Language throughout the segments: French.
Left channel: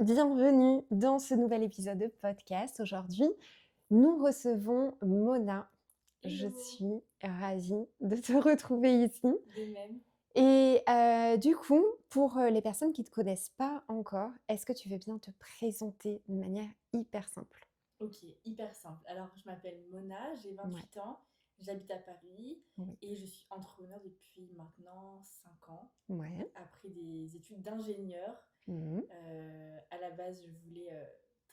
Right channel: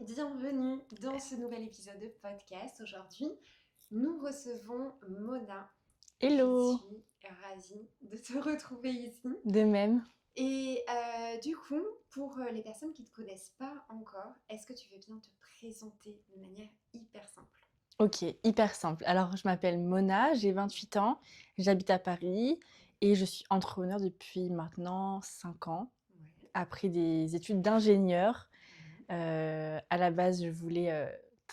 Bienvenue dans ce nouvel épisode de podcast. Aujourd'hui, nous recevons Mona. Je Hello, suis ravie de te retrouver ici. de même. Et du coup, pour les personnes qui ne te connaissent pas encore, est-ce que tu veux bien te présenter d'une manière hyper simple? Ok, hyper simple. Alors, je m'appelle Mona, j'ai Ouais. 28 ans, j'habite à Paris Oui. et je suis entrepreneur depuis maintenant 5 ans, Ouais. après des études d'ingénieur. Mhm. À la base, je voulais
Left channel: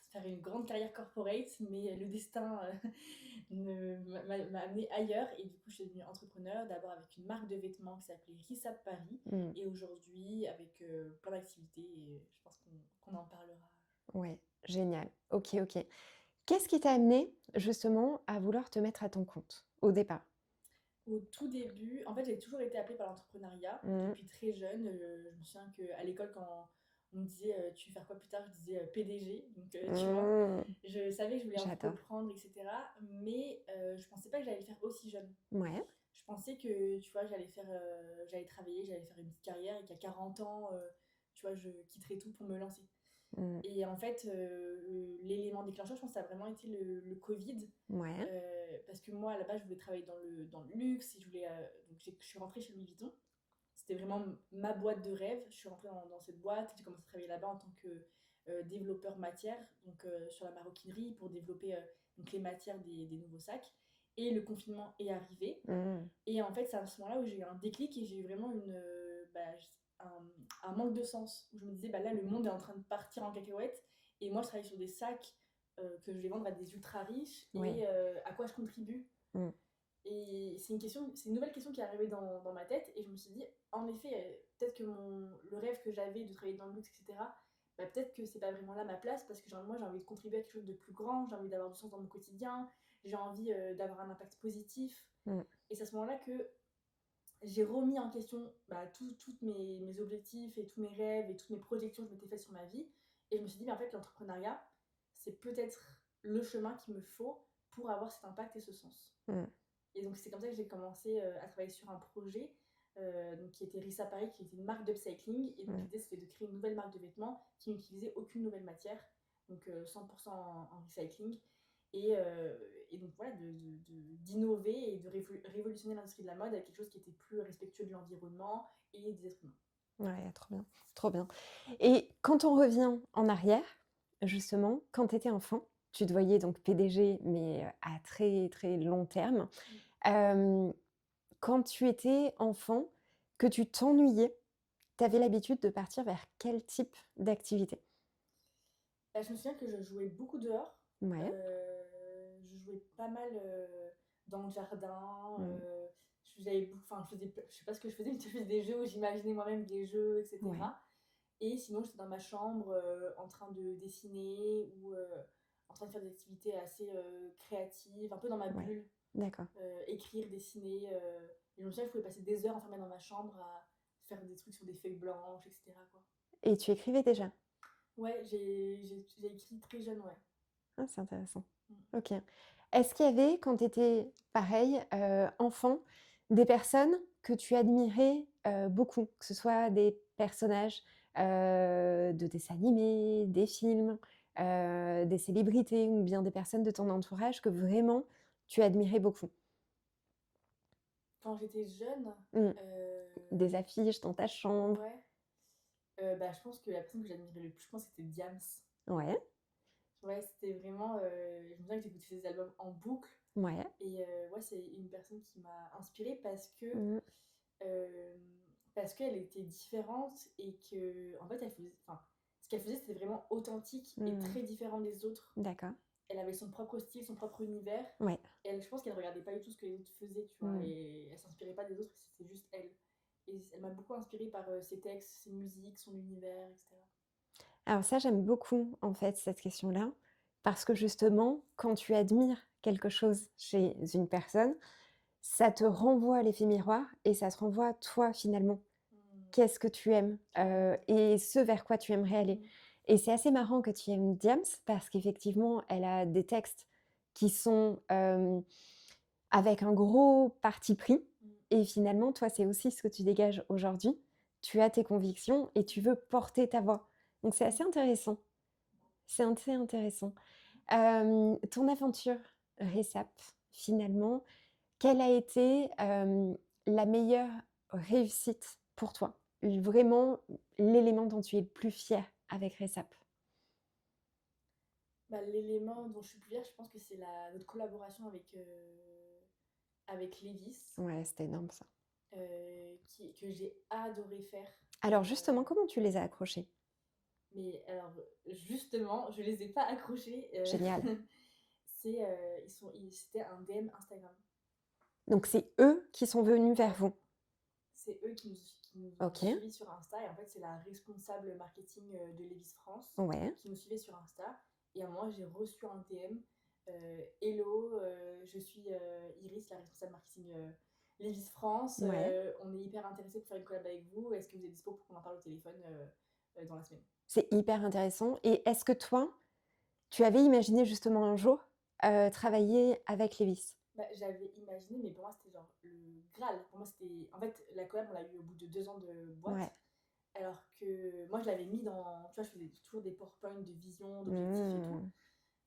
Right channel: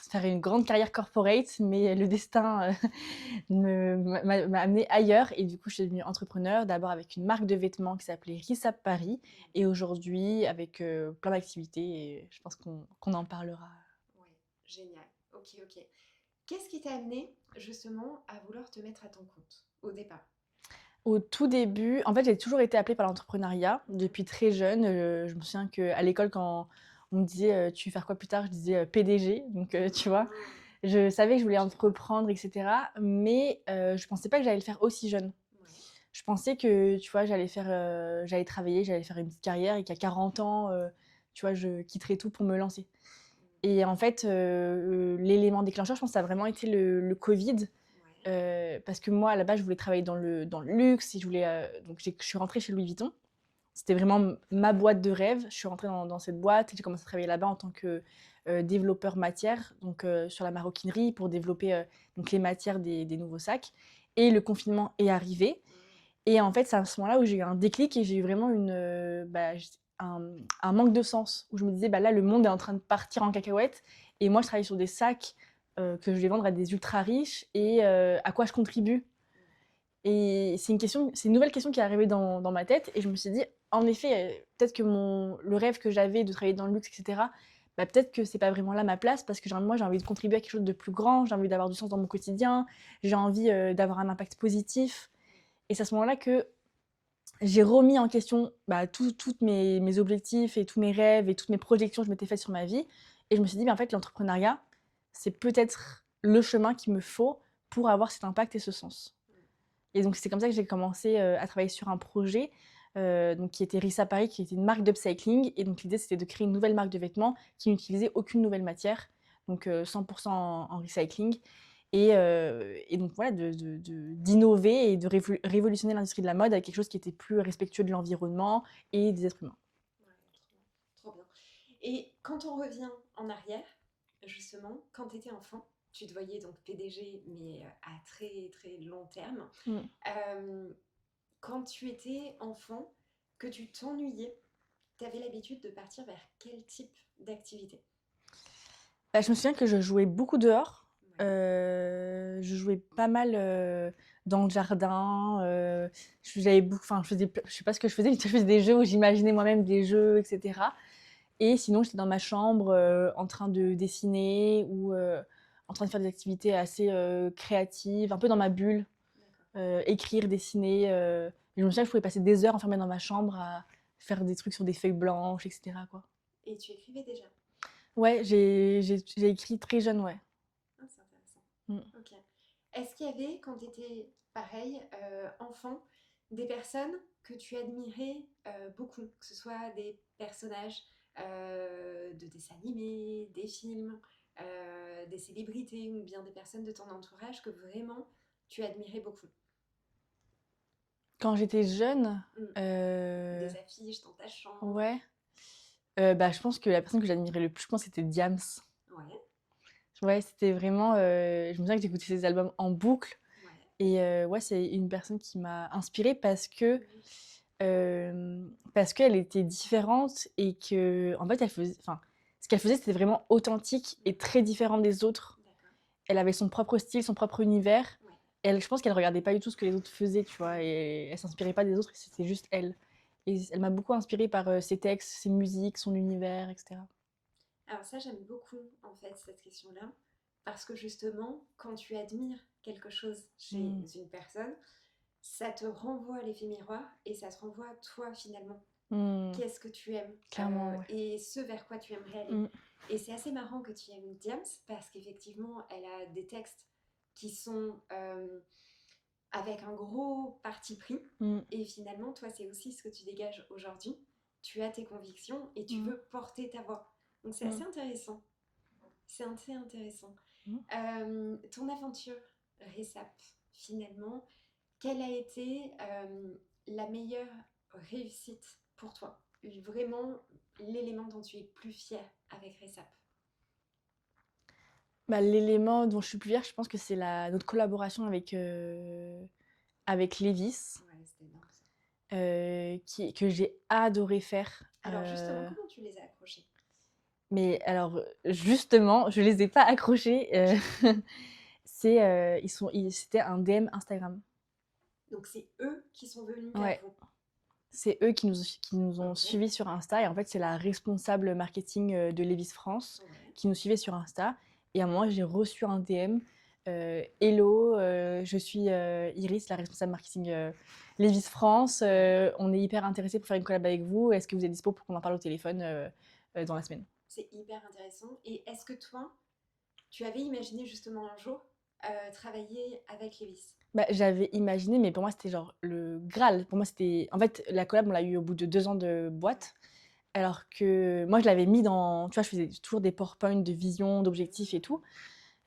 faire une grande carrière corporate, mais le destin m'a amené ailleurs et du coup, je suis devenue entrepreneur, d'abord avec une marque de vêtements qui s'appelait Rissab Paris Mhm. et aujourd'hui avec plein d'activités et je pense qu'on en parlera. Ouais, génial. Ok, ok. Qu'est-ce qui t'a amené justement à vouloir te mettre à ton compte au départ? Au tout début, en fait, j'ai toujours été appelée par l'entrepreneuriat Mhm. depuis très jeune. Je me souviens qu'à l'école, quand on me disait tu veux faire quoi plus tard, je disais PDG. Donc, tu vois, Mhm. je savais que je voulais J'adore. entreprendre, etc. Mais je pensais pas que j'allais le faire aussi jeune. Ouais. Je pensais que, tu vois, j'allais travailler, j'allais faire une petite carrière et qu'à 40 ans, tu vois, je quitterais tout pour me lancer. Mhm. Et en fait, l'élément déclencheur, je pense que ça a vraiment été le Covid. Ouais. Parce que moi, à la base, je voulais travailler dans le luxe. Et donc, je suis rentrée chez Louis Vuitton. C'était vraiment ma boîte de rêve. Je suis rentrée dans cette boîte et j'ai commencé à travailler là-bas en tant que développeur matière, donc sur la maroquinerie, pour développer donc les matières des nouveaux sacs. Et le confinement est arrivé. Mhm. Et en fait, c'est à ce moment-là où j'ai eu un déclic et j'ai eu vraiment un manque de sens. Où je me disais, bah là, le monde est en train de partir en cacahuète. Et moi, je travaille sur des sacs que je vais vendre à des ultra riches. Ouais. Et à quoi je contribue? Mhm. Et c'est une nouvelle question qui est arrivée dans ma tête. Et je me suis dit, en effet, peut-être que le rêve que j'avais de travailler dans le luxe, etc., bah, peut-être que c'est pas vraiment là ma place parce que moi, j'ai envie de contribuer à quelque chose de plus grand. J'ai envie d'avoir du sens dans mon quotidien. J'ai envie d'avoir un impact positif. Mhm. Et c'est à ce moment-là que j'ai remis en question tous mes objectifs et tous mes rêves et toutes mes projections que je m'étais faites sur ma vie. Et je me suis dit, en fait, l'entrepreneuriat, c'est peut-être le chemin qu'il me faut pour avoir cet impact et ce sens. Mhm. Et donc, c'est comme ça que j'ai commencé à travailler sur un projet donc, qui était Rissa Paris, qui était une marque d'upcycling. Et donc, Mhm. l'idée, c'était de créer une nouvelle marque de vêtements qui n'utilisait aucune nouvelle matière, donc 100% en recycling. Et donc, voilà, d'innover et de révolutionner l'industrie de la mode avec quelque chose qui était plus respectueux de l'environnement et des êtres humains. Ouais, trop bien, trop bien. Et quand on revient en arrière, justement, quand tu étais enfant, tu te voyais donc PDG, mais à très très long terme. Mm. Euh, Quand tu étais enfant, que tu t'ennuyais, tu avais l'habitude de partir vers quel type d'activité? Bah, je me souviens que je jouais beaucoup dehors. Ouais. Je jouais pas mal dans le jardin. Je sais pas ce que je faisais, mais je faisais des jeux où j'imaginais moi-même des jeux, Ouais. etc. Et sinon, j'étais dans ma chambre en train de dessiner ou en train de faire des activités assez créatives, un peu dans ma Ouais. bulle, D'accord. écrire, dessiner. Et je me souviens que je pouvais passer des heures enfermée dans ma chambre à faire des trucs sur des feuilles blanches, etc., quoi. Et tu écrivais déjà? Ouais, j'ai écrit très jeune, ouais. Ah, c'est intéressant. Mm. Ok. Est-ce qu'il y avait, quand tu étais pareil, enfant, des personnes que tu admirais beaucoup, que ce soit des personnages de dessins animés, des films, des célébrités ou bien des personnes de ton entourage que vraiment tu admirais beaucoup? Quand j'étais jeune, Mm. Des affiches dans ta chambre. ouais, je pense que la personne que j'admirais le plus, je pense, c'était Diams. Ouais, Ouais, c'était vraiment, je me souviens que j'écoutais ses albums en boucle ouais. et ouais, c'est une personne qui m'a inspirée Mm. parce qu'elle était différente et qu'en fait, ce qu'elle faisait, c'était vraiment authentique et Mm. très différent des autres. D'accord. Elle avait son propre style, son propre univers. Ouais. Je pense qu'elle regardait pas du tout ce que les autres faisaient, tu vois, Mm. et elle s'inspirait pas des autres, c'était juste elle. Et elle m'a beaucoup inspirée par ses textes, ses musiques, son univers, etc. Alors ça, j'aime beaucoup en fait cette question-là, parce que justement, quand tu admires quelque chose chez Mm. une personne, ça te renvoie à l'effet miroir et ça te renvoie à toi finalement. Mm. Qu'est-ce que tu aimes Clairement, ouais. et ce vers quoi tu aimerais aller. Mm. Et c'est assez marrant que tu aimes Diams parce qu'effectivement, elle a des textes qui sont avec un gros parti pris. Mm. Et finalement, toi, c'est aussi ce que tu dégages aujourd'hui. Tu as tes convictions et tu Mm. veux porter ta voix. Donc c'est assez Mm. intéressant. C'est assez intéressant. Mmh. Ton aventure RESAP, finalement, quelle a été, la meilleure réussite pour toi? Vraiment l'élément dont tu es le plus fière avec RESAP? Bah, l'élément dont je suis plus fière, je pense que c'est notre collaboration avec Levi's, Ouais, c'était énorme ça. que j'ai adoré faire. Alors justement, comment tu les as accrochés? Mais alors, justement, je les ai pas accrochés. Génial. C'était un DM Instagram. Donc c'est eux qui sont venus vers Ouais, vous? c'est eux qui nous ont OK. suivis sur Insta et en fait, c'est la responsable marketing, de Levi's France Ouais. qui nous suivait sur Insta et à un moment, j'ai reçu un DM, «Hello, je suis, Iris, la responsable marketing, Levi's France, Ouais. on est hyper intéressés pour faire une collab avec vous. Est-ce que vous êtes dispo pour qu'on en parle au téléphone, dans la semaine?» C'est hyper intéressant et est-ce que toi, tu avais imaginé justement un jour, travailler avec Levi's? Bah, j'avais imaginé, mais pour moi, c'était genre le Graal. Pour moi, c'était en fait, la collab, on l'a eu au bout de 2 ans de Ouais. boîte, alors que moi, je l'avais mis dans tu vois, je faisais toujours des PowerPoint de vision, d'objectifs et tout,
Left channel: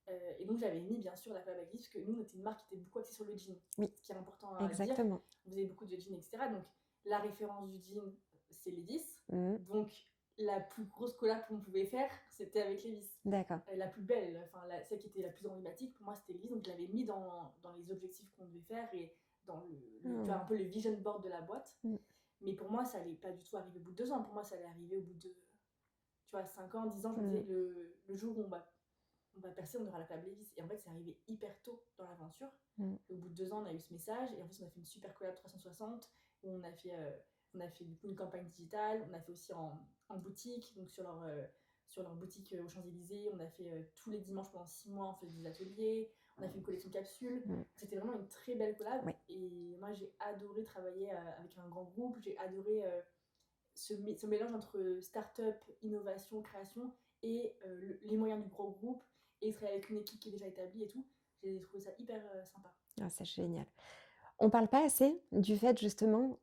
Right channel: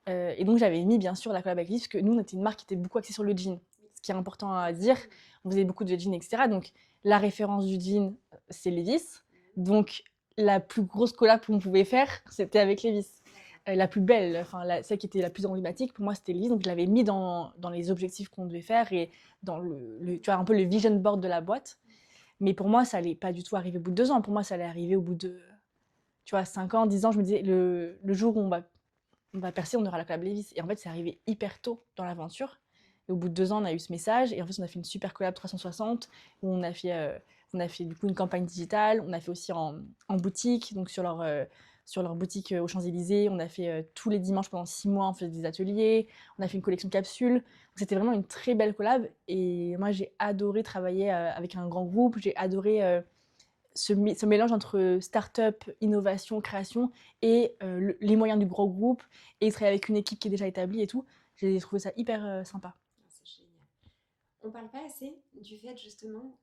Mmh. et donc j'avais mis, bien sûr, la collab avec Levi's parce que nous, on était une marque qui était beaucoup axée sur le jean. Oui, Ce qui est important à dire, exactement. on faisait beaucoup de jeans et cetera, donc la référence du jean, c'est Levi's, Mmh. donc la plus grosse collab qu'on pouvait faire, c'était avec Levi's. D'accord. La plus belle, enfin celle qui était la plus emblématique pour moi, c'était Levi's, donc je l'avais mis dans les objectifs qu'on devait faire et dans tu vois, un Mmh. peu le vision board de la boîte. Mmh. Mais pour moi, ça allait pas du tout arriver au bout de 2 ans. Pour moi, ça allait arriver au bout de, tu vois, 5 ans, 10 ans. Je me disais: Mmh. «Le jour où on va percer, on aura la collab Levi's» et en fait, c'est arrivé hyper tôt dans l'aventure Mmh. et au bout de 2 ans, on a eu ce message et en fait, on a fait une super collab 360 où on a fait du coup une campagne digitale. On a fait aussi en boutique, donc sur leur boutique, aux Champs-Élysées. On a fait, tous les dimanches pendant 6 mois, on faisait des ateliers. On a fait une collection capsule. Mmh. C'était vraiment une très belle collab Ouais. et moi, j'ai adoré travailler, avec un grand groupe. J'ai adoré, ce mélange entre start-up, innovation, création et les moyens du gros groupe et travailler avec une équipe qui est déjà établie et tout. J'ai trouvé ça hyper, sympa. Ah, c'est génial. On parle pas assez du fait justement,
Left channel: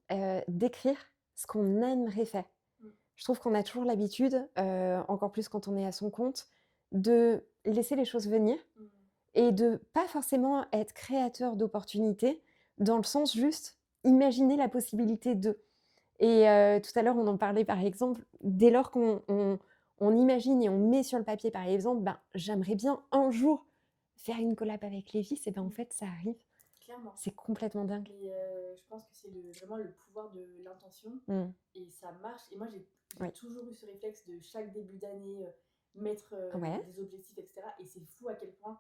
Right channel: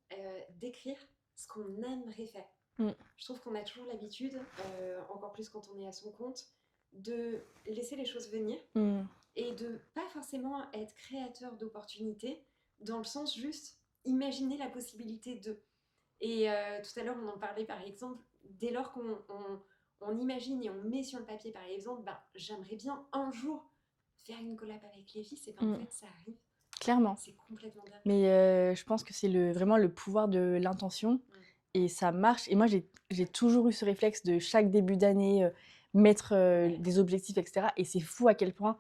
d'écrire ce qu'on aimerait faire. Mmh. Je trouve qu'on a toujours l'habitude, encore plus quand on est à son compte, de laisser les choses venir Mmh. et de pas forcément être créateur d'opportunités, dans le sens juste imaginer la possibilité de. Et tout à l'heure, on en parlait par exemple, dès lors qu'on imagine et on met sur le papier par exemple, ben, j'aimerais bien un jour faire une collab avec Levi's et ben, en Mmh. fait ça arrive. Clairement. C'est complètement dingue. Mais je pense que c'est vraiment le pouvoir de l'intention Mmh. et ça marche et moi j'ai Ouais. toujours eu ce réflexe de chaque début d'année, mettre, Ouais. des objectifs et cetera et c'est fou à quel point,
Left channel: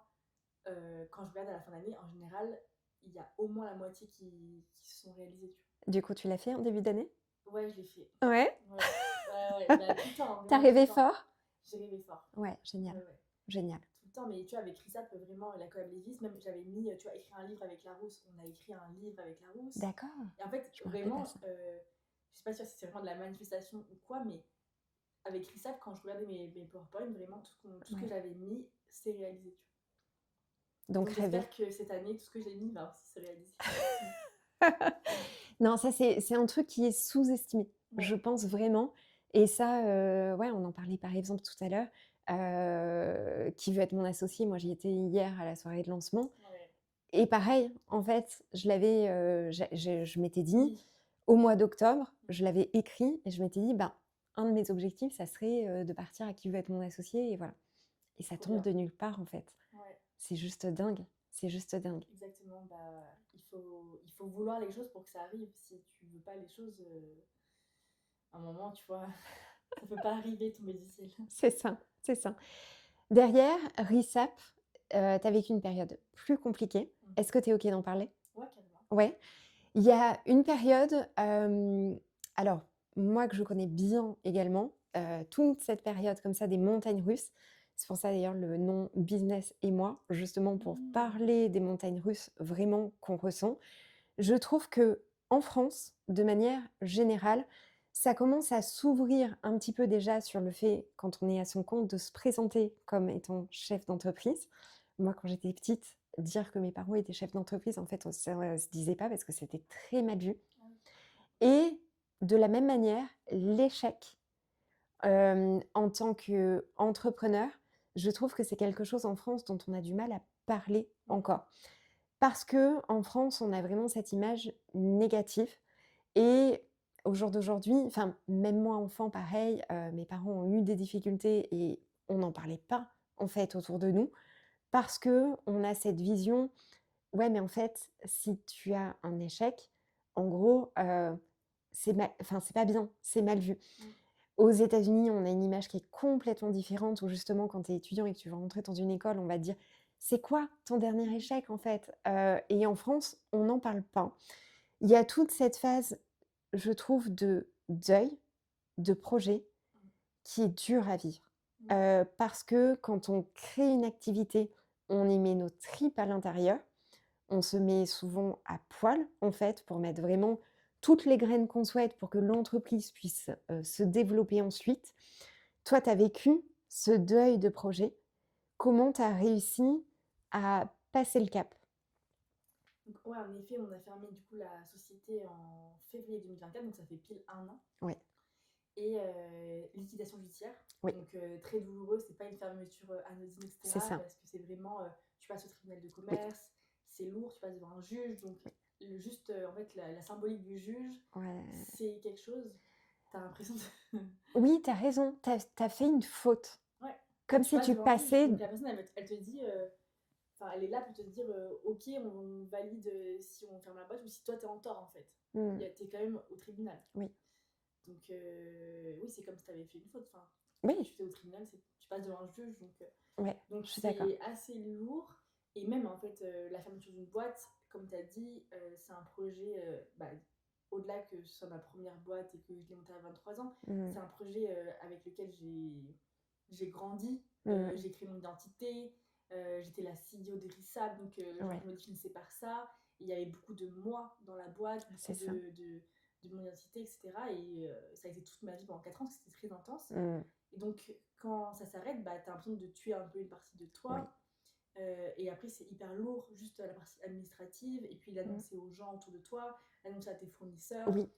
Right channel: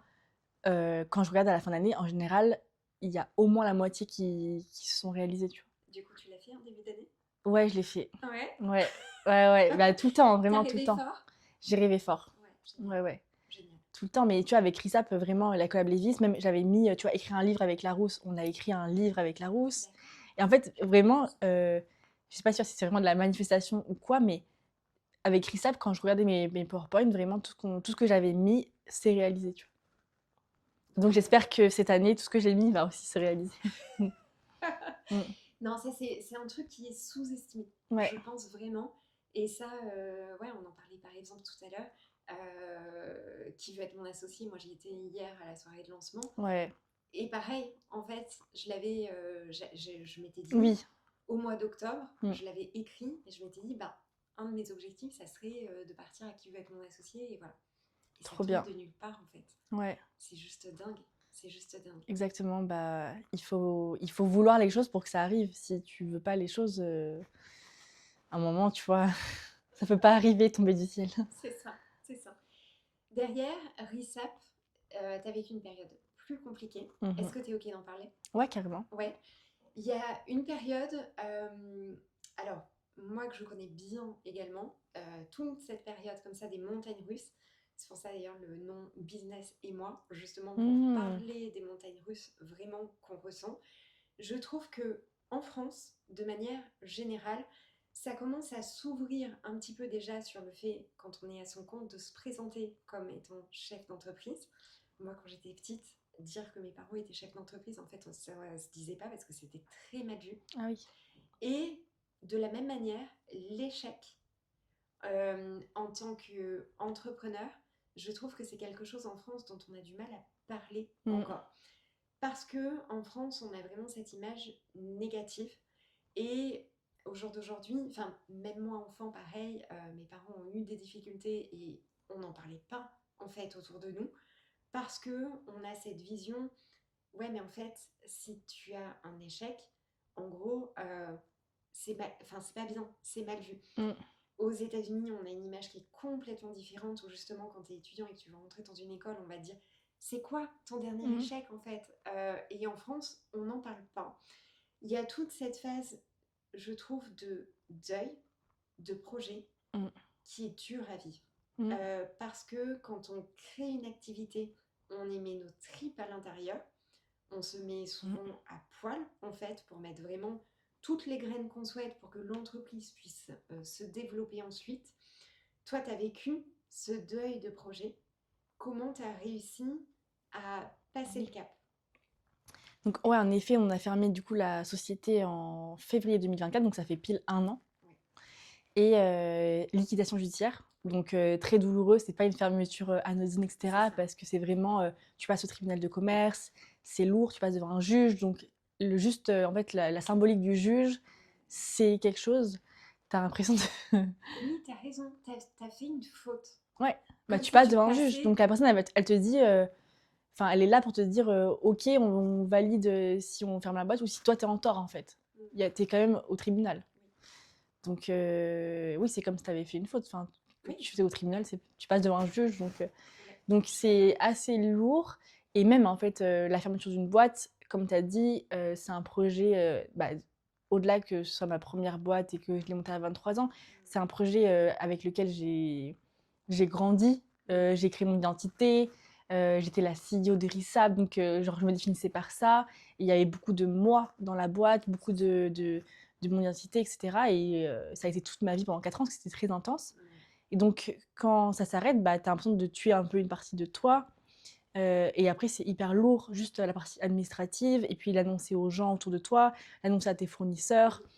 quand je regarde à la fin d'année, en général, il y a au moins la moitié qui se sont réalisés, tu Du coup, tu l'as fait en début d'année? vois? Ouais, je l'ai fait. Ouais. Ouais, ouais, ouais, bah, tout le temps, Tu vraiment tout le rêvé temps. fort? J'ai rêvé fort. Ouais, génial, Ouais, ouais, génial. tout le temps, mais tu vois, avec Risap, vraiment la collab Levi's, même j'avais mis, tu vois, écrire un livre avec Larousse, on a écrit un livre avec Larousse D'accord, et en fait, je me rappelle pas vraiment, ça. je sais pas sûre si c'est vraiment de la manifestation ou quoi, mais avec Risap, quand je regardais mes PowerPoint, vraiment tout ce que Ouais. j'avais mis s'est réalisé, tu vois? Donc Donc rêver. j'espère que cette année, tout ce que j'ai mis va aussi se réaliser. Mmh. Non, ça c'est un truc qui est sous-estimé, Ouais, je pense vraiment et ça, ouais, on en parlait par exemple tout à l'heure, qui veut être mon associé? Moi, j'y étais hier à la soirée de lancement ouais, et pareil, en fait, je l'avais, je m'étais dit oui, au mois d'octobre, mmh, je l'avais écrit et je m'étais dit: «Ben, un de mes objectifs, ça serait, de partir à Qui veut être mon associé?» et voilà et ça trop tombe bien. de nulle part, en fait. Ouais, C'est juste dingue, c'est juste dingue. exactement, bah, il faut vouloir les choses pour que ça arrive. Si tu veux pas les choses, à un moment, tu vois, ça peut pas arriver, tomber du ciel. C'est ça, c'est ça. Derrière, RISAP, tu as vécu une période plus compliquée. Est-ce Mmh. que tu es OK d'en parler? Ouais, carrément. Ouais. Il y a une période, alors moi que je connais bien également, toute cette période comme ça des montagnes russes, c'est pour ça d'ailleurs le nom Business et moi, justement pour Mmh. parler des montagnes russes vraiment qu'on ressent. Je trouve que en France, de manière générale, ça commence à s'ouvrir un petit peu déjà sur le fait, quand on est à son compte, de se présenter comme étant chef d'entreprise. Moi, quand j'étais petite, dire que mes parents étaient chefs d'entreprise, en fait, ça se disait pas parce que c'était très mal vu. Ah oui. Et de la même manière, l'échec en tant qu'entrepreneur, je trouve que c'est quelque chose en France dont on a du mal à parler Mmh. encore. Parce que en France, on a vraiment cette image négative et au jour d'aujourd'hui, enfin, même moi enfant, pareil, mes parents ont eu des difficultés et on n'en parlait pas, en fait, autour de nous parce que on a cette vision: «Ouais, mais en fait, si tu as un échec, en gros, c'est pas bien, c'est mal vu». Mmh. Aux États-Unis, on a une image qui est complètement différente où justement quand tu es étudiant et que tu vas rentrer dans une école, on va te dire: «C'est quoi ton dernier Mmh. échec, en fait?» Et en France, on n'en parle pas. Il y a toute cette phase, je trouve, de deuil, de projet, Mmh. qui est dure à vivre. Mmh. Parce que quand on crée une activité, on y met nos tripes à l'intérieur. On se met Mmh. souvent à poil, en fait, pour mettre vraiment toutes les graines qu'on souhaite pour que l'entreprise puisse, se développer ensuite. Toi, tu as vécu ce deuil de projet. Comment tu as réussi à passer le cap? Donc ouais, en effet, on a fermé du coup la société en février 2024, donc ça fait pile 1 an Oui, et liquidation judiciaire, oui, donc très douloureux. C'est pas une fermeture, anodine et c'est cetera ça. parce que c'est vraiment, tu passes au tribunal de commerce, c'est lourd, tu passes devant un juge, donc Oui, le juste, en fait, la symbolique du juge, ouais. c'est quelque chose. Tu as l'impression de Oui, tu as raison, tu as fait une faute. ouais, bah, Comme tu si passes tu devant un juge, passais donc la personne elle te dit, enfin, elle est là pour te dire, «OK, on valide, si on ferme la boîte ou si toi, tu es en tort, en fait». mmh, Tu es quand même au tribunal. oui, Donc oui, c'est comme si tu avais fait une faute. Enfin, oui, tu faisais au tribunal, tu passes devant un juge, ouais, donc je suis d'accord. c'est assez lourd et même, en fait, la fermeture d'une boîte, comme tu as dit, c'est un projet, bah, au-delà que ce soit ma première boîte et que je l'ai montée à 23 ans, Mmh, c'est un projet, avec lequel j'ai grandi, mmh, j'ai créé mon identité, j'étais la CEO de Rissab, donc genre ouais, je me définissais par ça. Et il y avait beaucoup de moi dans la boîte, beaucoup c'est ça. de mon identité et cetera et ça a été toute ma vie pendant 4 ans parce que c'était très intense Mmh, et donc quand ça s'arrête, bah, tu as l'impression de tuer un peu une partie de oui, toi, et après c'est hyper lourd, juste la partie administrative et puis mmh, l'annoncer aux gens autour de toi, l'annoncer à tes fournisseurs, oui,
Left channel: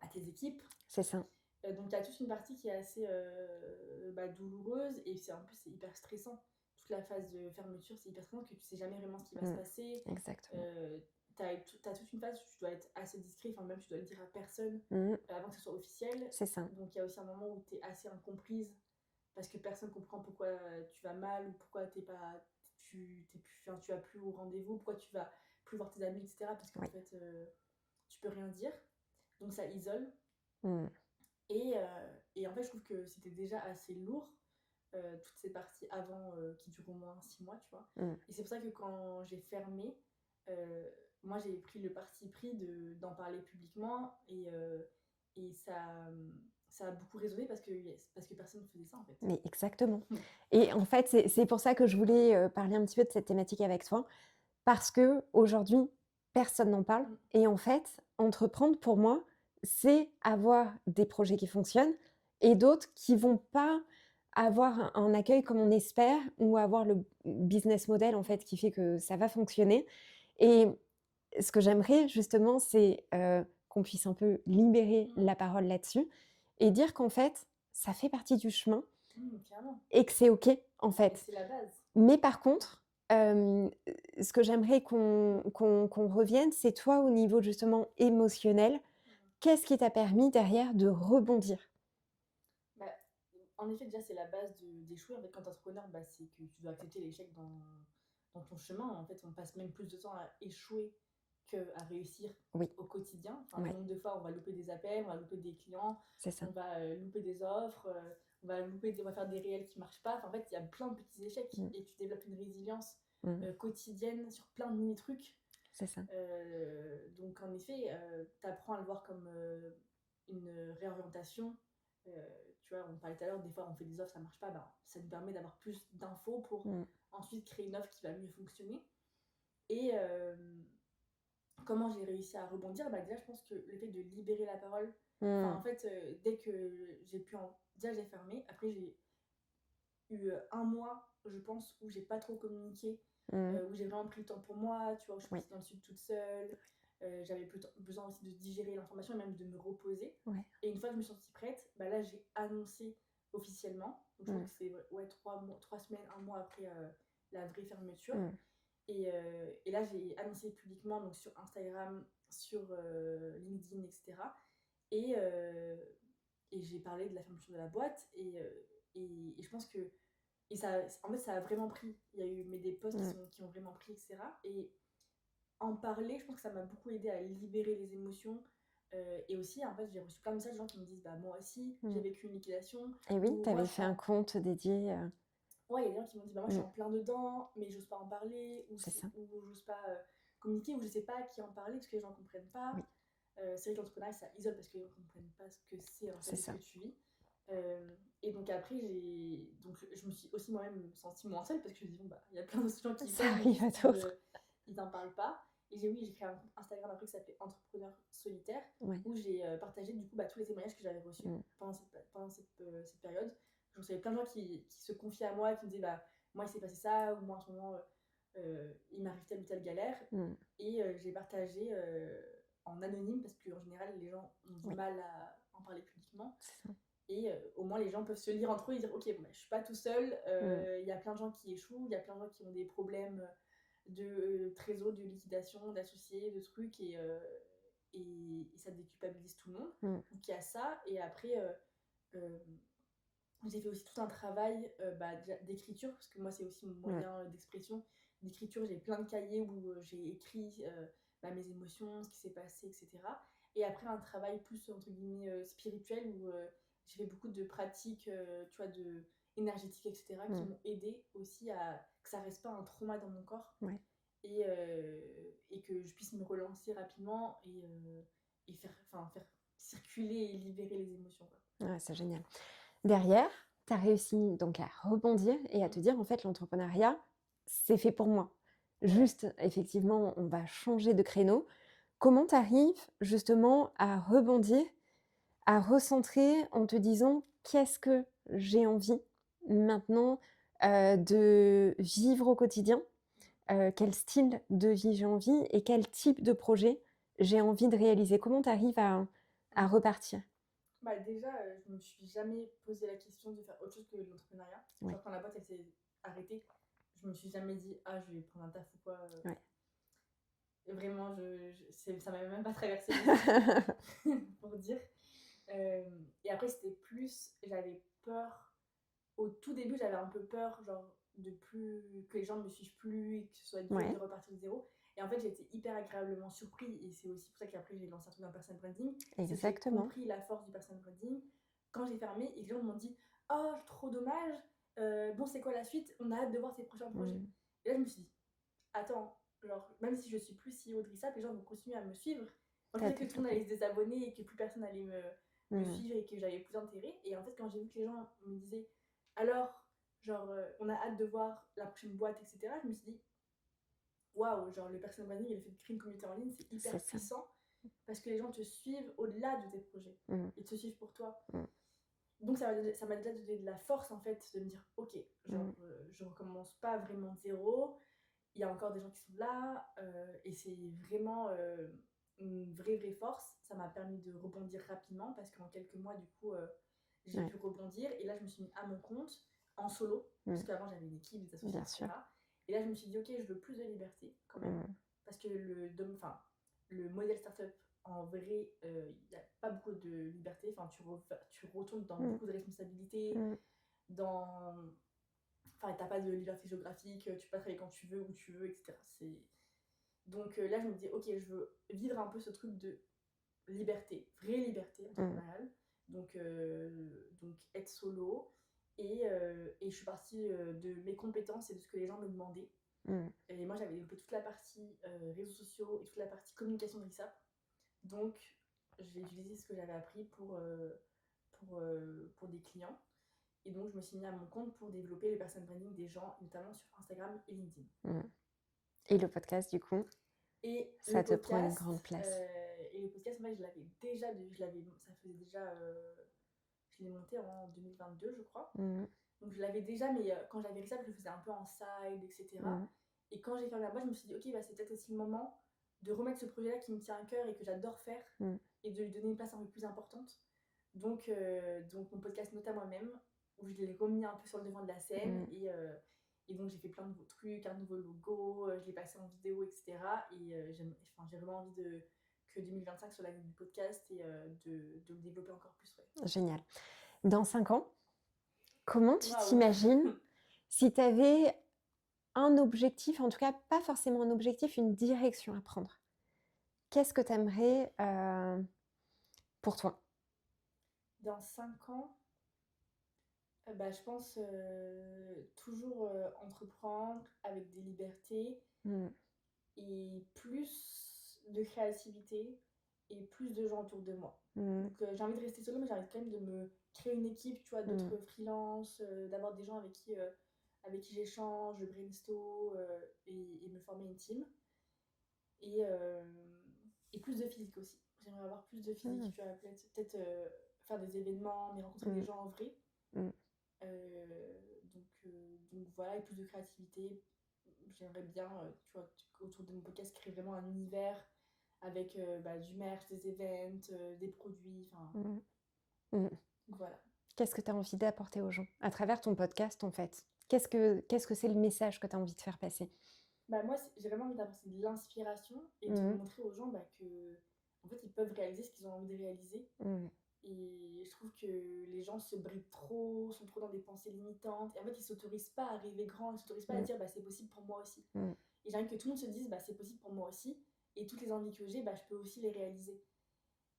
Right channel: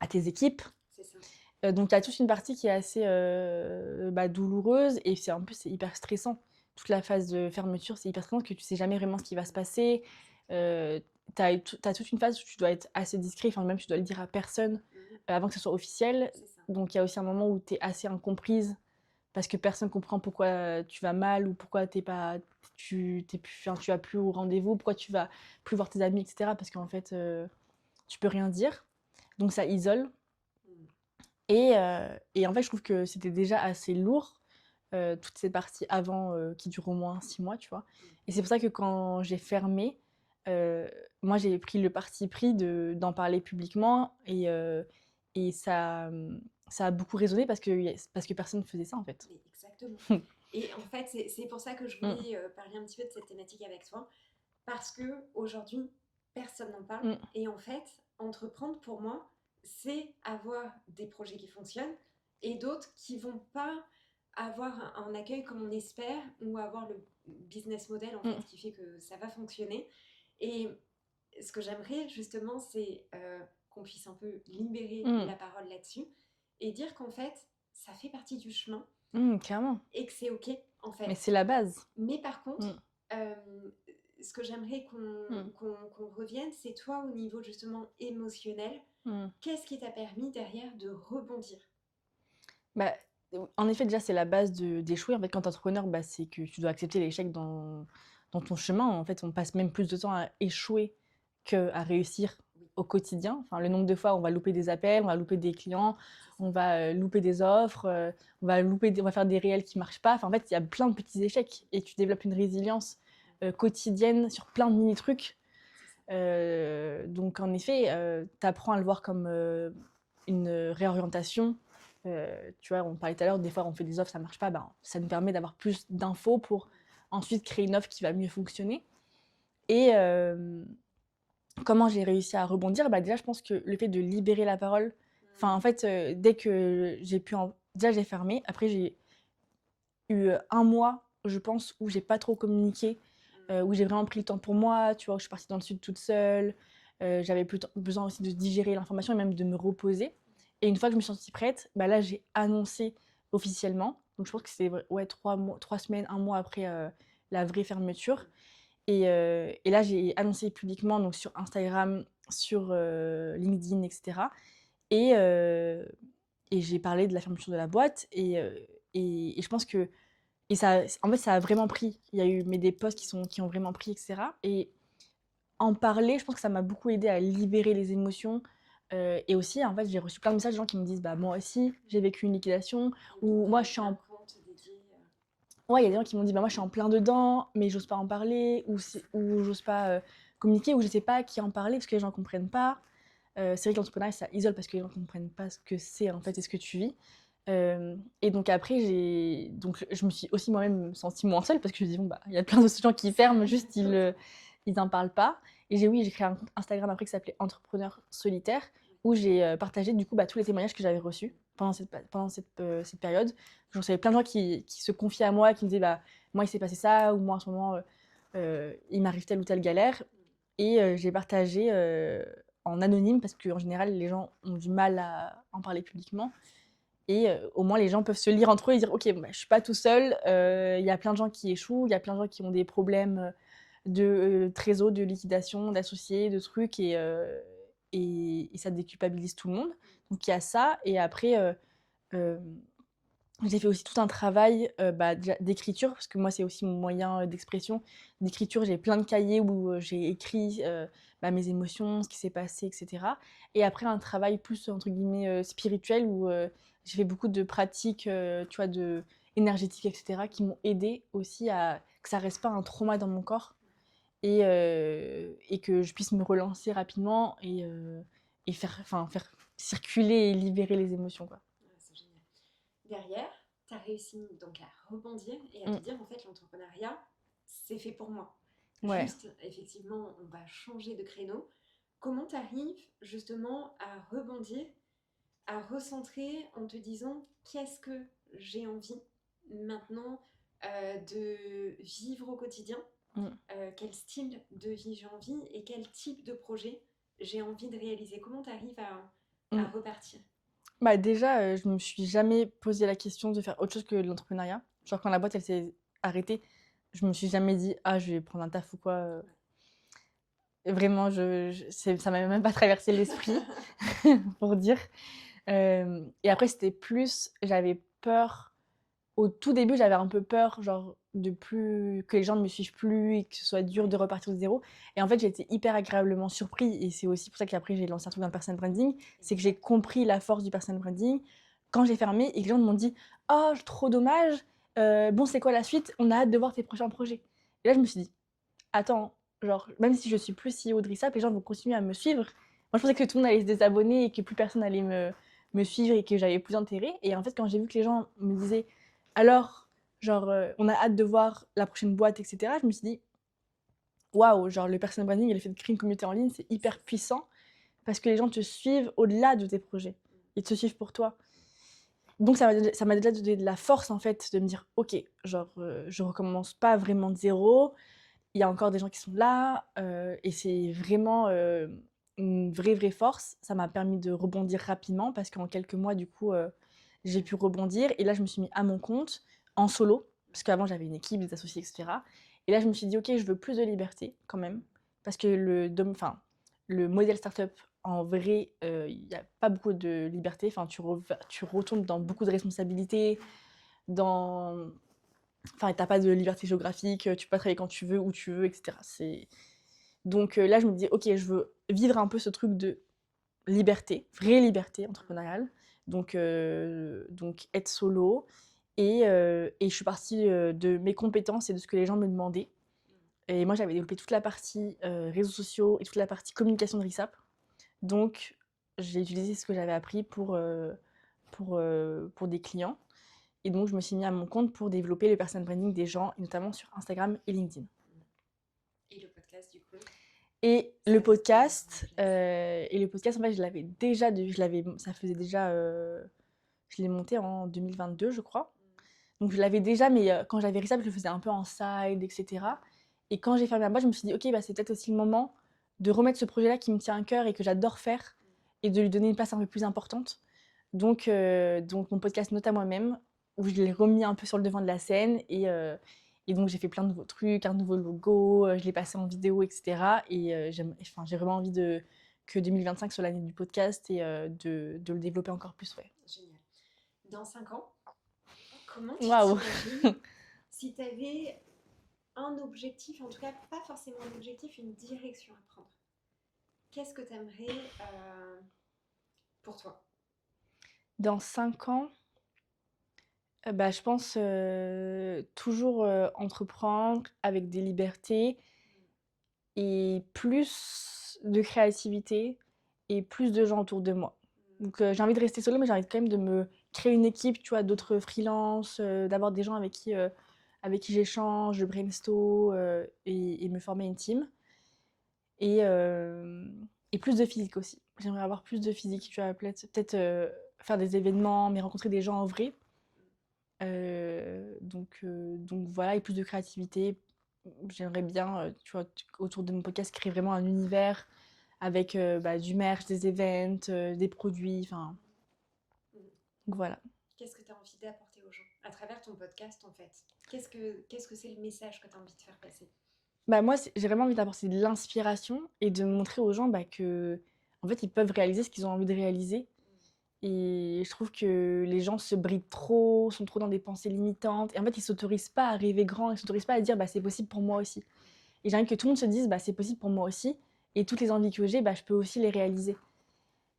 à tes équipes. c'est ça. Donc il y a toute une partie qui est assez, bah, douloureuse et c'est en plus, c'est hyper stressant. Toute la phase de fermeture, c'est hyper stressant parce que tu sais jamais vraiment ce qui va se Mmh, passer. exactement. Heu, tu toute une phase où tu dois être assez discret, enfin même tu dois le dire à personne, Mmh, avant que ce soit officiel. c'est ça. Donc il y a aussi un moment où tu es assez incomprise parce que personne comprend pourquoi tu vas mal ou pourquoi tu es pas tu plus enfin, tu vas plus au rendez-vous, pourquoi tu vas plus voir tes amis et cetera parce qu'en Ouais. fait, tu peux rien dire. Donc ça isole. Mmh, Et en fait, je trouve que c'était déjà assez lourd, toute cette partie avant, qui dure au moins 6 mois, tu vois? mmh, Et c'est pour ça que quand j'ai fermé, heu, moi, j'ai pris le parti pris d'en parler publiquement et ça a beaucoup résonné parce que personne ne faisait ça, en fait. mais exactement. Et en fait, c'est pour ça que je Mmh, voulais, parler un petit peu de cette thématique avec toi, parce qu'aujourd'hui, personne n'en parle mmh, et en fait, entreprendre pour moi, c'est avoir des projets qui fonctionnent et d'autres qui vont pas avoir un accueil comme on espère ou avoir le business model, en mmh, fait, qui fait que ça va fonctionner et ce que j'aimerais justement, c'est, qu'on puisse un peu libérer mmh, la parole là-dessus et dire qu'en fait, ça fait partie du chemin clairement. et que c'est OK, en Mais fait. c'est la base. Mais par Mmh, contre, ce que j'aimerais qu'on mmh, qu'on qu'on revienne, c'est toi au niveau justement émotionnel, mmh. qu'est-ce qui t'a permis derrière de rebondir? Bah, en effet, déjà, c'est la base d'échouer. En fait, quand tu es entrepreneur, bah, c'est que tu dois accepter l'échec dans ton chemin. En fait, on passe même plus de temps à échouer qu'à réussir Oui, au quotidien. Enfin, le ouais, nombre de fois où on va louper des appels, on va louper des clients, c'est on ça. va, louper des offres, on va faire des réels qui marchent pas. Enfin, en fait, il y a plein de petits échecs Mmh, et tu développes une résilience, mmh, quotidienne sur plein de mini trucs. c'est ça. Donc en effet, tu apprends à le voir comme, une réorientation. Tu vois, on parlait tout à l'heure, des fois on fait des offres, ça marche pas, ben, ça nous permet d'avoir plus d'infos pour Mmh, ensuite créer une offre qui va mieux fonctionner et comment j'ai réussi à rebondir? Bah, déjà, je pense que le fait de libérer la parole, enfin, mmh, en fait, dès que j'ai pu en déjà j'ai fermé, après j'ai eu, 1 mois, je pense, où j'ai pas trop communiqué, mmh, où j'ai vraiment pris le temps pour moi, tu vois? Je suis oui, partie dans le sud toute seule, j'avais plus besoin aussi de digérer l'information et même de me reposer ouais, et une fois que je me suis sentie prête, bah, là, j'ai annoncé officiellement. Donc je pense Mmh. que c'est ouais, 3 semaines, un mois après la vraie fermeture. Mmh. Et là, j'ai annoncé publiquement donc sur Instagram, sur LinkedIn, etc. Et, euh, et j'ai parlé de la fermeture de la boîte. Et je pense que et ça, en fait, ça a vraiment pris. Il y a eu des posts Mmh. qui ont vraiment pris, etc. Et en parler, je pense que ça m'a beaucoup aidé à libérer les émotions. Et aussi, en fait, j'ai reçu plein de messages de gens qui me disent bah, moi aussi, j'ai Mmh. vécu une liquidation. Et oui, Ou tu moi, avais je suis créé un en. compte dédié, Ouais, il y a des gens qui m'ont dit bah, moi, je suis mmh, en plein dedans, mais j'ose pas en parler. c'est ça. Ou j'ose pas communiquer, ou je sais pas à qui en parler parce que les gens comprennent pas. Oui, C'est vrai que l'entrepreneuriat, ça isole parce que les gens comprennent pas ce que c'est, en fait, c'est et ce ça. que tu vis. Et donc après, je me suis aussi moi-même sentie moins seule parce que je me dis, bon, bah, il y a plein d'autres gens qui Ça ferment, arrive à juste d'autres. ils en parlent pas. Et j'ai créé un compte Instagram après qui s'appelait Entrepreneur Solitaire, Ouais. où j'ai partagé du coup tous les témoignages que j'avais reçus Mmh. pendant cette période. Je recevais plein de gens qui se confiaient à moi, qui me disaient, bah, moi il s'est passé ça, ou moi en ce moment il m'arrive telle ou telle galère. Mmh. Et j'ai partagé en anonyme parce qu'en général les gens ont du Ouais, mal à en parler publiquement. c'est ça. Et au moins, les gens peuvent se lire entre eux et dire ok, bon, bah, je suis pas tout seul. Mmh. Il y a plein de gens qui échouent, il y a plein de gens qui ont des problèmes de trésor, de liquidation, d'associés, de trucs, et ça déculpabilise tout le monde. Mmh. Donc il y a ça. Et après, euh, j'ai fait aussi tout un travail déjà d'écriture, parce que moi, c'est aussi mon Mmh. moyen d'expression. D'écriture, j'ai plein de cahiers où j'ai écrit mes émotions, ce qui s'est passé, etc. Et après, un travail plus, entre guillemets, spirituel, où j'ai fait beaucoup de pratiques, tu vois, énergétiques, etc., qui Mmh. m'ont aidé aussi à que ça reste pas un trauma dans mon corps, Ouais. et que je puisse me relancer rapidement et faire circuler et libérer les émotions, quoi. Ouais, c'est génial. Derrière, tu as réussi donc à rebondir et à te Mm. dire, en fait, l'entrepreneuriat, c'est fait pour moi. Ouais. Juste, effectivement, on va changer de créneau. Comment tu arrives justement à rebondir, à recentrer en te disant, qu'est-ce que j'ai envie maintenant de vivre au quotidien? Mm. Quel style de vie j'ai envie et quel type de projet j'ai envie de réaliser? Comment tu arrives à Mm. repartir? Bah déjà, je me suis jamais posé la question de faire autre chose que de l'entrepreneuriat. Ouais, Genre quand la boîte elle s'est arrêtée, je me suis jamais dit: «Ah je vais prendre un taf ou quoi». ouais. Vraiment ça m'avait même pas traversé l'esprit pour dire. Et après c'était plus j'avais peur. Au tout début, j'avais un peu peur, genre de plus que les gens ne me suivent plus et que ce soit dur de Ouais, repartir de zéro. Et en fait, j'ai été hyper agréablement surpris, et c'est aussi pour ça qu'après j'ai lancé un truc dans le personal branding. C'est que j'ai exactement. compris la force du personal branding quand j'ai fermé et que les gens m'ont dit: «Oh, trop dommage, bon, c'est quoi la suite? On a hâte de voir tes prochains projets». Mmh. Et là, je me suis dit: «Attends, genre, même si je suis plus CEO de Rissap, les gens vont continuer à me suivre». Moi, je pensais Ouais. que tout le monde allait se désabonner et que plus personne allait me Mmh. suivre et que j'avais plus d'intérêt. Et en fait, quand j'ai vu que les gens me disaient: «Alors, genre, on a hâte de voir la prochaine boîte», etc., je me suis dit: «Waouh, genre le personal branding et le fait de créer une communauté en ligne, c'est C'est hyper ça. puissant parce que les gens te suivent au-delà de tes projets. Mmh. Ils te suivent pour toi». Mmh. Donc ça m'a déjà donné de la force, en fait, de me dire: «OK, genre, Mmh. je recommence pas vraiment de zéro. Il y a encore des gens qui sont là», et c'est vraiment, une vraie force. Ça m'a permis de rebondir rapidement parce qu'en quelques mois, du coup, j'ai Ouais. pu rebondir. Et là, je me suis mis à mon compte, en solo, parce Mmh. qu'avant j'avais une équipe, des associés, Bien sûr. etc. Et là, je me suis dit: «OK, je veux plus de liberté quand même», Mmh. parce que le modèle startup, en vrai, il y a pas beaucoup de liberté. Enfin, tu retombes dans Mmh. beaucoup de responsabilités, Mmh. dans enfin, t'as pas de liberté géographique, tu peux pas travailler quand tu veux, où tu veux, etc. Donc là, je me dis, ok, je veux vivre un peu ce truc de liberté, vraie liberté Mmh. entrepreneuriale. Donc être solo. Et je suis partie de mes compétences et de ce que les gens me demandaient. Mmh. Et moi, j'avais développé toute la partie réseaux sociaux et toute la partie communication de Rissap. Donc, j'ai utilisé ce que j'avais appris pour des clients. Et donc, je me suis mis à mon compte pour développer le personal branding des gens, et notamment sur Instagram et LinkedIn. Mmh. Et le podcast, du coup, Et ça te tient une grande place. en fait, ça faisait déjà, je l'ai monté en 2022, je crois. Mmh. Donc, je l'avais déjà, mais quand j'avais Rissap, je le faisais un peu en side, etc. Mmh. Et quand j'ai fermé la boîte, je me suis dit, ok, bah, c'est peut-être aussi le moment de remettre ce projet-là qui me tient à cœur et que j'adore faire, Mmh. et de lui donner une place un peu plus importante. Donc mon podcast Note à moi-même, où je l'ai remis un peu sur le devant de la scène. Et donc, j'ai fait plein de nouveaux trucs, un nouveau logo, je l'ai passé en vidéo, etc. Et j'ai vraiment envie que 2025 soit l'année du podcast et de le développer encore plus. Ouais. Génial. Dans 5 ans, comment tu Waouh! t'imagines si tu avais un objectif, en tout cas pas forcément un objectif, une direction à prendre? Qu'est-ce que tu aimerais pour toi? Dans 5 ans, bah, je pense toujours entreprendre avec des libertés Mmh. et plus de créativité et plus de gens autour de moi. Mmh. Donc j'ai envie de rester solo, mais j'ai envie quand même de me créer une équipe, tu vois, Mmh. d'autres freelances, d'avoir des gens avec qui j'échange, je brainstorm et me former une team. Et, et plus de physique aussi. J'aimerais avoir plus de physique, Mmh. tu vois, peut-être faire des événements, mais rencontrer des Mmh. gens en vrai. Mmh. Donc voilà, et plus de créativité. J'aimerais bien, tu vois, autour de mon podcast, créer vraiment un univers avec du merch, des events, des produits, enfin, Mmh. Mmh. donc voilà. Qu'est-ce que tu as envie d'apporter aux gens à travers ton podcast, en fait? Qu'est-ce que c'est le message que tu as envie de faire passer? Bah moi, j'ai vraiment envie d'apporter de l'inspiration et de Mmh. montrer aux gens que, en fait, ils peuvent réaliser ce qu'ils ont envie de réaliser. Mmh. Et je trouve que les gens se brident trop, sont trop dans des pensées limitantes. Et en fait, ils s'autorisent pas à rêver grand, ils s'autorisent pas à Mmh. dire c'est possible pour moi aussi. Mmh. Et j'ai envie que tout le monde se dise c'est possible pour moi aussi. Et toutes les envies que j'ai, je peux aussi les réaliser.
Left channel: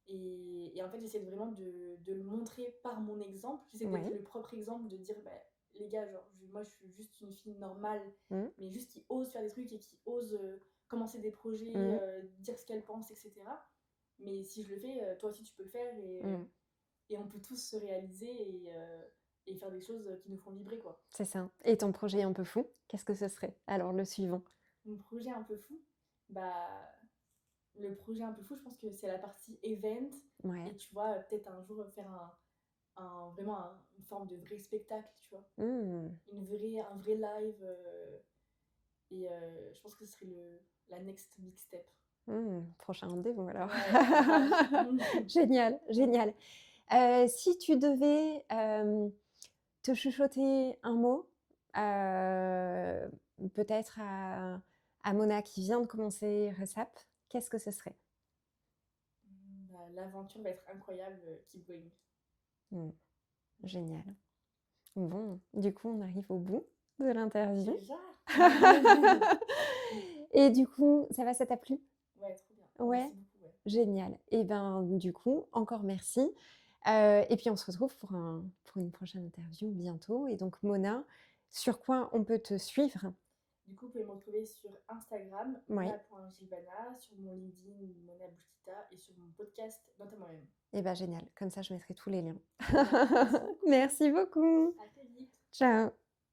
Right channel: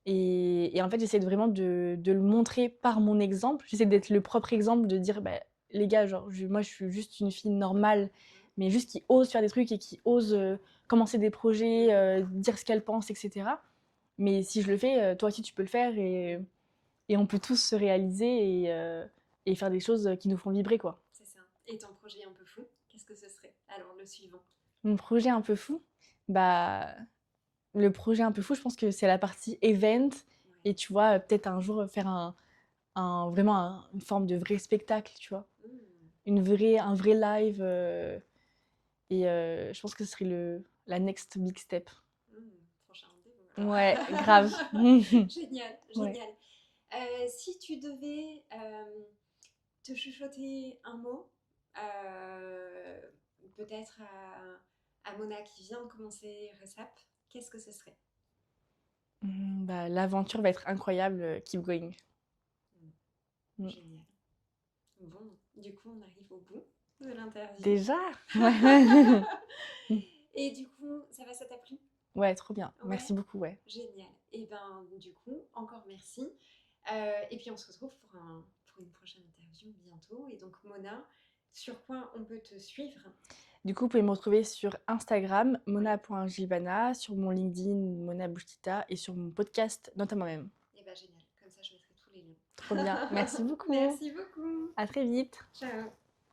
Et en fait, j'essaie vraiment de le montrer par mon exemple. J'essaie d'être Ouais. le propre exemple, de dire les gars, genre, moi je suis juste une fille normale, Mmh. mais juste qui ose faire des trucs et qui ose commencer des projets, dire ce qu'elle pense, etc. Mais si je le fais, toi aussi tu peux le faire Mmh. et on peut tous se réaliser et faire des choses qui nous font vibrer, quoi. C'est ça. Et ton projet un peu fou, qu'est-ce que ce serait? Alors, le suivant. Mon projet un peu fou, bah, le projet un peu fou, je pense que c'est la partie event. Ouais. Et tu vois, peut-être un jour faire une forme de vrai spectacle, tu vois. Mmh. Un vrai live. Et je pense que ce serait la next big step. Mmh. Prochain rendez-vous alors. Ouais, grave. Génial, Ouais. génial. Si tu devais te chuchoter un mot, peut-être à Mona qui vient de commencer Resap, qu'est-ce que ce serait? L'aventure va être incroyable, keep going. Mmh. Mm. Génial. Bon, du coup, on arrive au bout de l'interview. Déjà? Et du coup, ça t'a plu? Ouais, trop bien. Ouais. Merci beaucoup, ouais. Génial. Et ben, du coup, encore merci. Et puis, on se retrouve pour une prochaine interview bientôt. Et donc, Mona, sur quoi on peut te suivre? Du coup, vous pouvez me retrouver sur Instagram, Ouais. mona.gilbana, sur mon LinkedIn, Mona Bouchtita, et sur mon podcast, Note à moi-même. Et ben, génial. Comme ça, je mettrai tous les liens. Trop bien. Merci beaucoup. Merci beaucoup. À très vite. Ciao.